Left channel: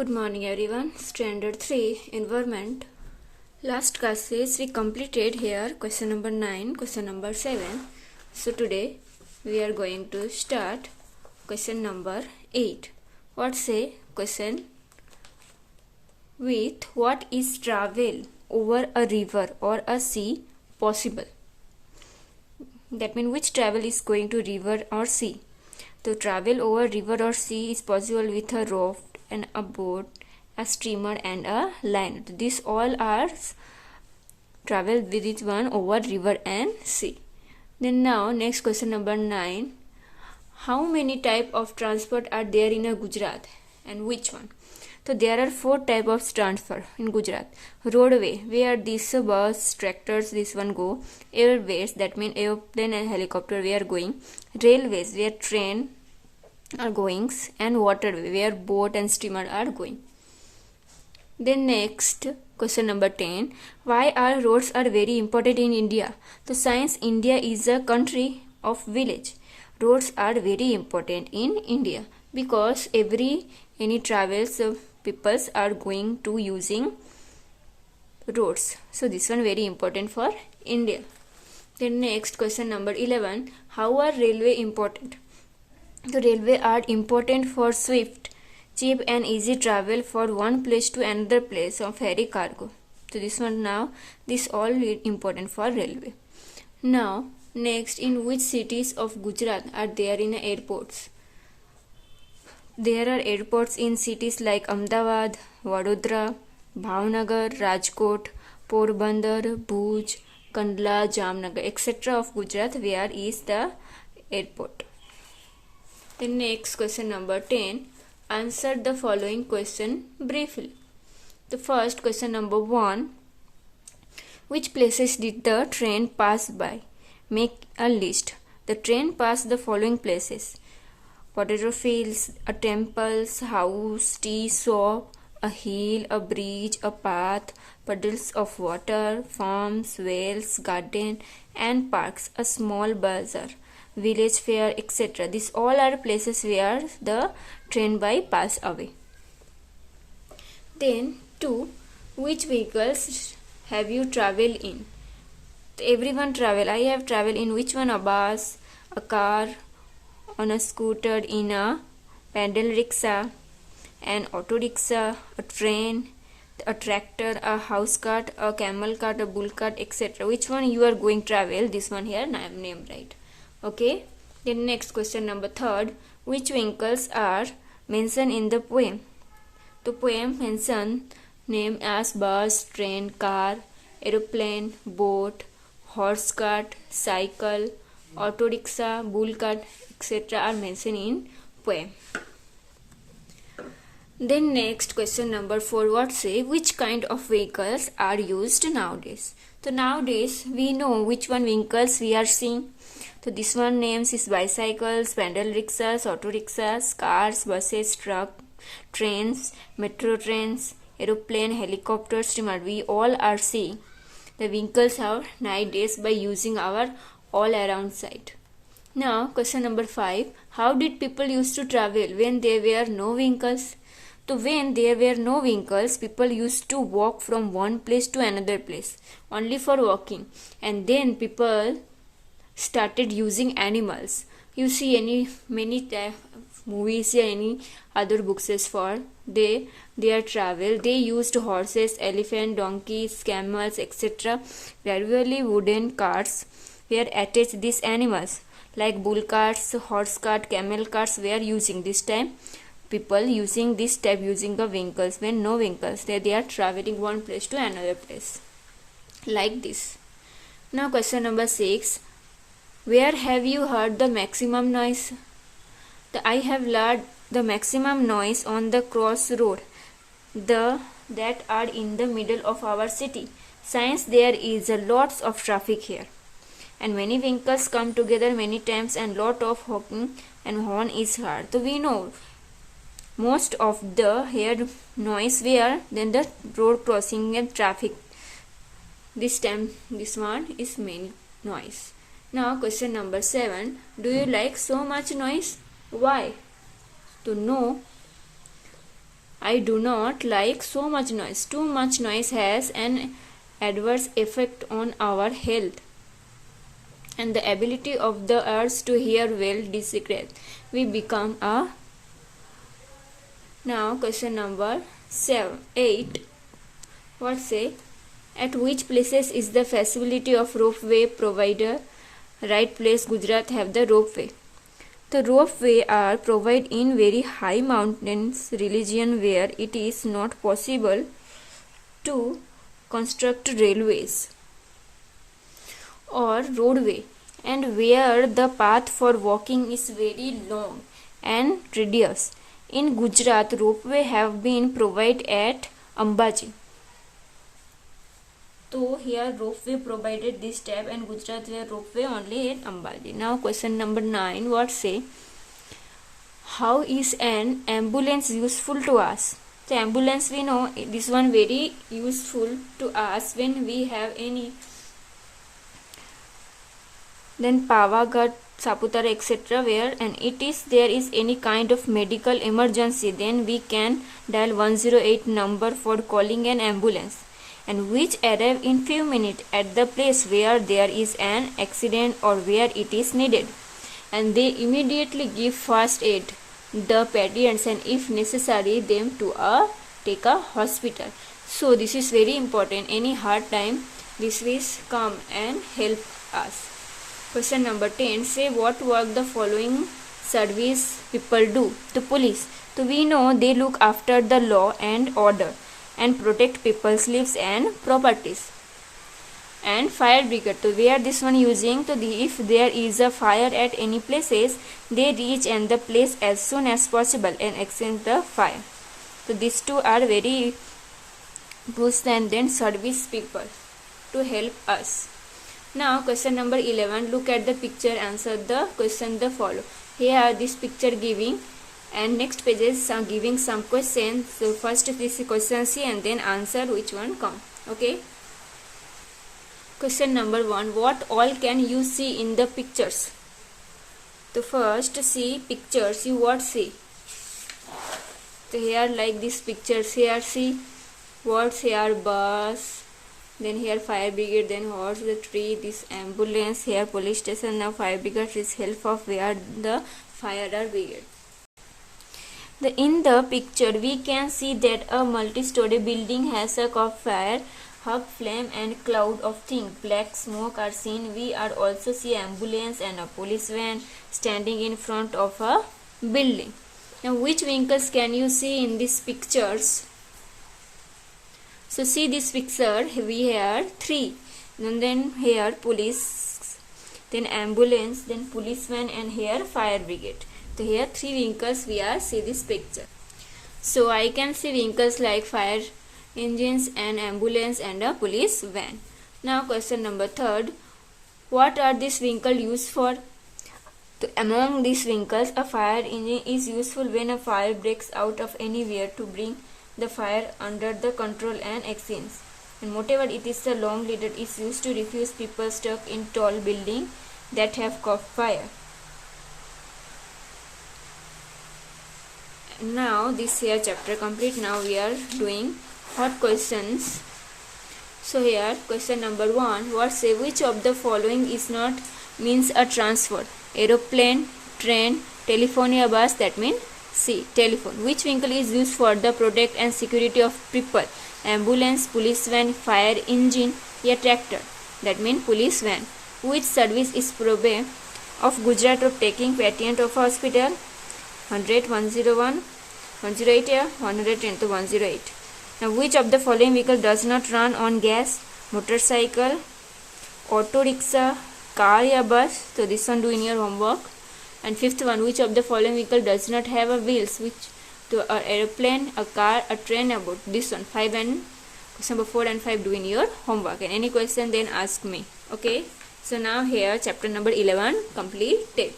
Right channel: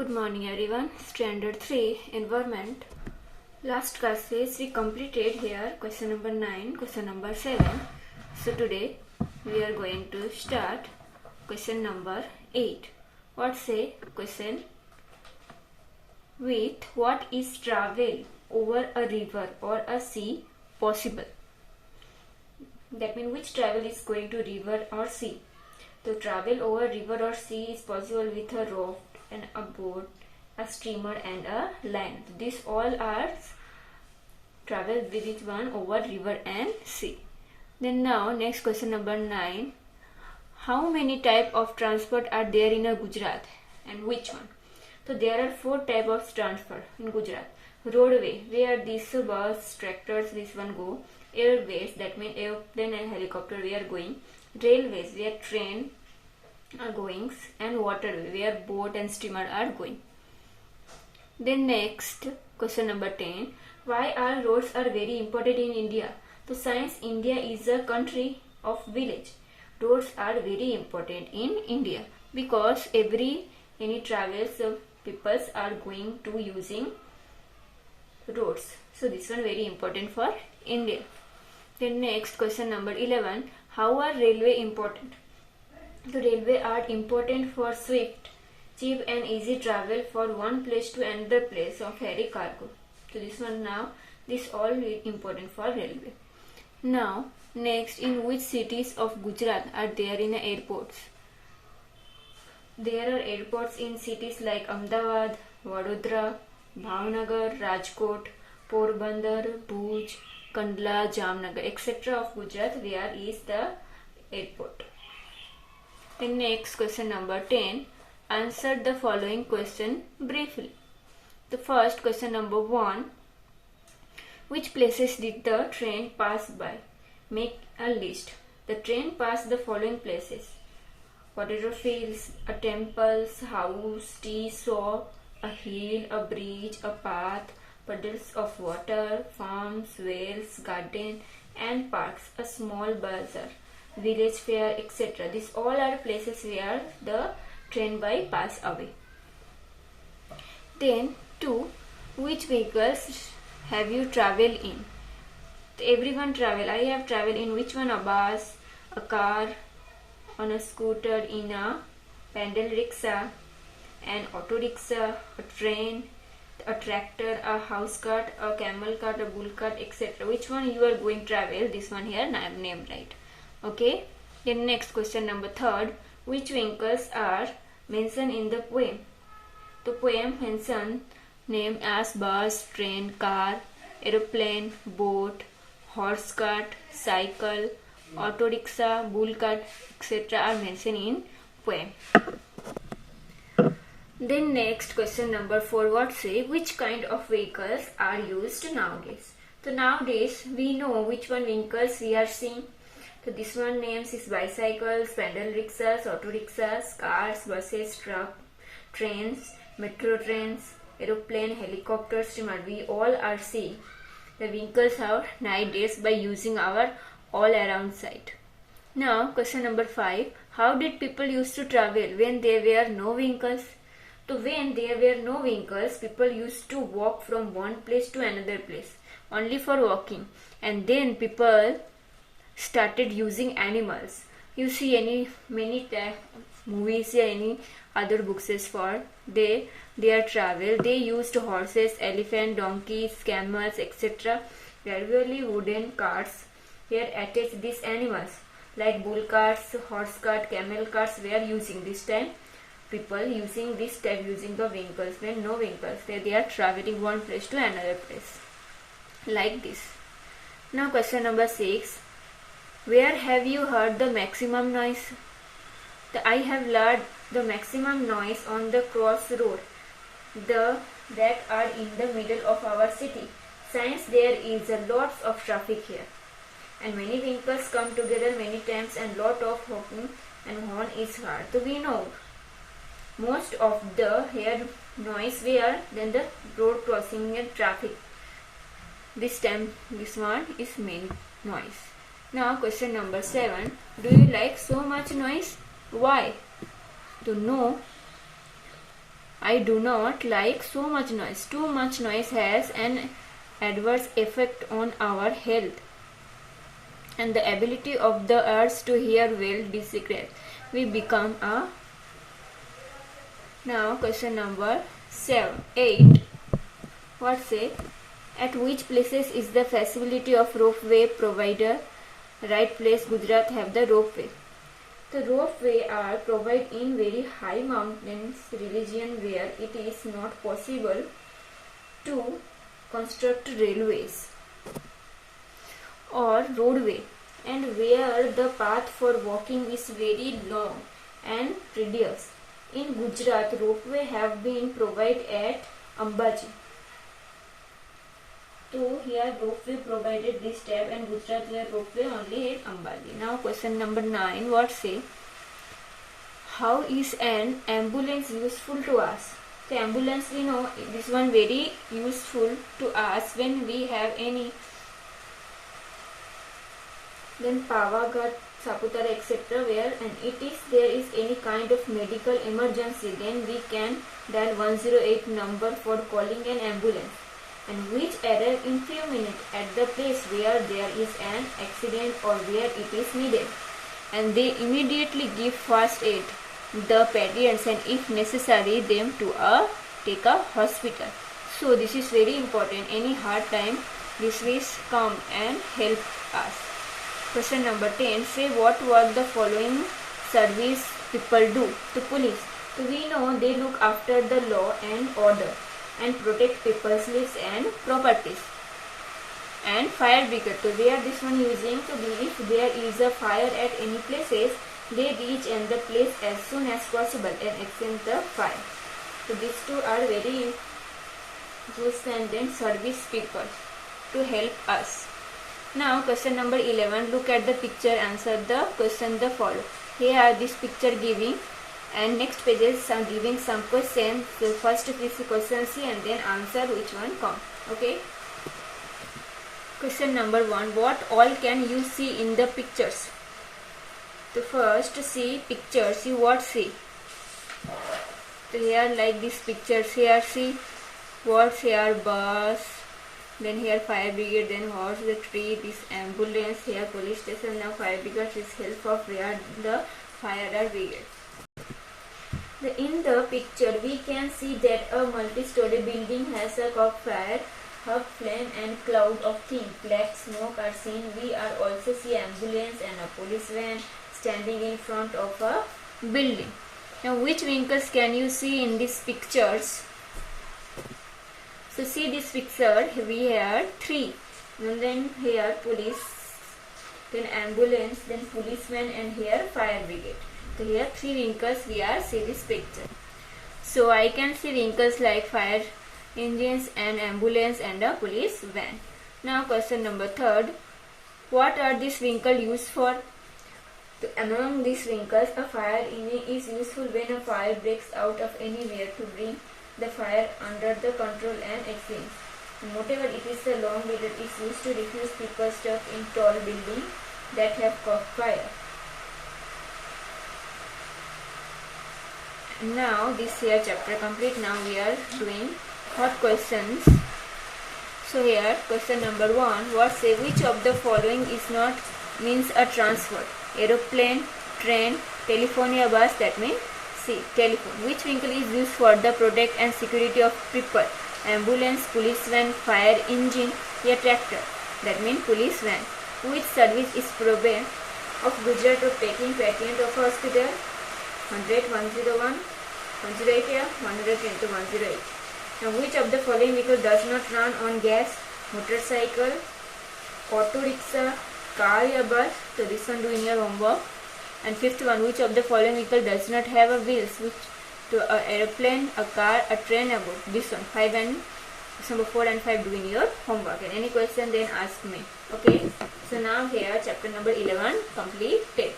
Good morning everyone. Standard 3 Environment. Last classes we completed here question number 9, question number 7. So today we are going to start question number 8. What say question with what is travel over a river or a sea possible? That means which travel is going to river or sea. So travel over river or sea is possible with a raft and a boat, a steamer and a liner. These all are travel with one over river and sea. Then now next question number 9. How many type of transport are there in a Gujarat and which one? So there are 4 type of transport in Gujarat. Roadway, where this bus, tractors, this one go. Airways, that means airplane and helicopter we are going. Railways, where train are going, and waterway, where boat and steamer are going. Then next question number 10. Why are roads are very important in India? So since India is a country of village, roads are very important in India because any travels peoples are going to using roads. So this one very important for India. Then next question number 11. How are railway important? The railway are important for swift, cheap and easy travel for one place to another place of ferry cargo. So this all important for railway. Now next, in which cities of Gujarat are there in airports? There are airports in cities like Ahmedabad, Vadodara, Bhavnagar, Rajkot, Porbandar, Bhuj, Kandla, Jamnagar, etc. of Gujarat where is the airport. Then next question number 10. Answer the following question briefly. The first question number 1. Which places did the train pass by? Make a list. The train passed the following places: potato fields, a temple's house, tea shop, a hill, a bridge, a path, puddles of water, farms, wells, garden and parks, a small bazaar, village fair, etc. These all are places where the train by pass away. Then 2. Which vehicles have you traveled in? Everyone travel. I have traveled in which one? A bus, a car, on a scooter, in a pedal rickshaw, an auto rickshaw, a train, a tractor, a house cart, a camel cart, a bull cart, etc. Which one you are going to travel? This one here I am named right. Okay. Then next question number 3. Which vehicles are mentioned in the poem? The poem mention name as bus, train, car, aeroplane, boat, horse cart, cycle, auto rickshaw, bull cart, etc. are mentioned in poem. Then next question number 4. What say which kind of vehicles are used nowadays? So nowadays we know which one vehicles we are seeing. So this one names is bicycles, pedal rickshaws, auto rickshaws, cars, buses, truck, trains, metro trains, aeroplane, helicopter, steamer. We all are seeing the vehicles are nowadays by using our all around sight. Now question number 5. How did people used to travel when there were no vehicles? So when there were no vehicles, people used to walk from one place to another place only for walking, and then people started using animals. You see many movies or any other books as for their travel. They used horses, elephant, donkeys, camels, etc. Gradually wooden carts were attached these animals like bull carts, horse cart, camel carts were using. This time people using this type using the vehicles. When no vehicles, they are traveling one place to another place like this. Now question number 6. Where have you heard the maximum noise? I have heard the maximum noise on the crossroad that are in the middle of our city. Since there is a lots of traffic here and many vehicles come together many times and lot of honking and horn is heard. So we know most of the here noise where then the road crossing and traffic. This time this one is main noise. Now question number 7. Do you like so much noise? Why? To know I do not like so much noise. Too much noise has an adverse effect on our health, and the ability of the ears to hear well decreases. We become a. Now question number 8. What say? At which places is the facility of ropeway provider? Right place Gujarat have the ropeway. The ropeway are provided in very high mountains region where it is not possible to construct railways or roadway, and where the path for walking is very long and tedious. In Gujarat, ropeway have been provided at Ambaji. So here ropeway provided this step, and Gujarat here ropeway only at Ambaji. Now question number 9. What say? How is an ambulance useful to us? The ambulance, we know this one very useful to us when we have any, then Pavagadh, Saputara, etc. where and there is any kind of medical emergency, then we can dial 108 number for calling an ambulance, and which arrive in few minutes at the place where there is an accident or where it is needed, and they immediately give first aid the patients, and if necessary them to take a hospital. So this is very important. Any hard time this will come and help us. Question number 10. Say what work the following service people do. The police. So we know they look after the law and order and protect people's lives and properties. And fire brigade. So we are this one using. So if there is a fire at any places, they reach and the place as soon as possible and extinguish the fire. So these two are very used, and then service people to help us. Now question number 11. Look at the picture, answer the question the follow. Here are this picture giving, and next pages are giving some questions. So first this question see and then answer which one come. Okay. Question number 1. What all can you see in the pictures? So first see pictures. You what see? So here like this pictures. Here see what's here bus. Then here fire brigade, then horse, the tree, this ambulance, here police station. Now fire brigade is help of where the fire are brigade. In the picture we can see that a multi-story building has a caught fire, hub flame and cloud of thin black smoke are seen. We are also see ambulance and a police van standing in front of a building. Now which vehicles can you see in these pictures? So see this picture, we have 3, and then here police, then ambulance, then policeman, and here fire brigade. So here 3 vehicles we are see this picture. So I can see vehicles like fire engines and ambulance and a police van. Now question number 3. What are these vehicles used for? So among these vehicles, a fire engine is useful when a fire breaks out of anywhere to bring the fire under the control and extinguish, and whatever it is the long ladder is used to refuse people stuck in tall building that have caught fire. Now this here chapter complete. Now we are doing hot questions. So here question number 1. What say which of the following is not means a transport? Aeroplane, train, telephone or bus, that means C. Telephone. Which vehicle is used for the protect and security of people? Ambulance, police van, fire engine, a tractor. That means police van. Which service is provided of Gujarat of taking patient of hospital? 100, 101, 108, 110 to 108. Now which of the following vehicle does not run on gas? Motorcycle, auto rickshaw, car or bus. So this one do in your homework. And 5th one, which of the following vehicle does not have a wheels? Which to an aeroplane, a car, a train, a boat. This one 5 and number 4 and 5 doing your homework. And any question then ask me. Okay. So now here chapter number 11 completed.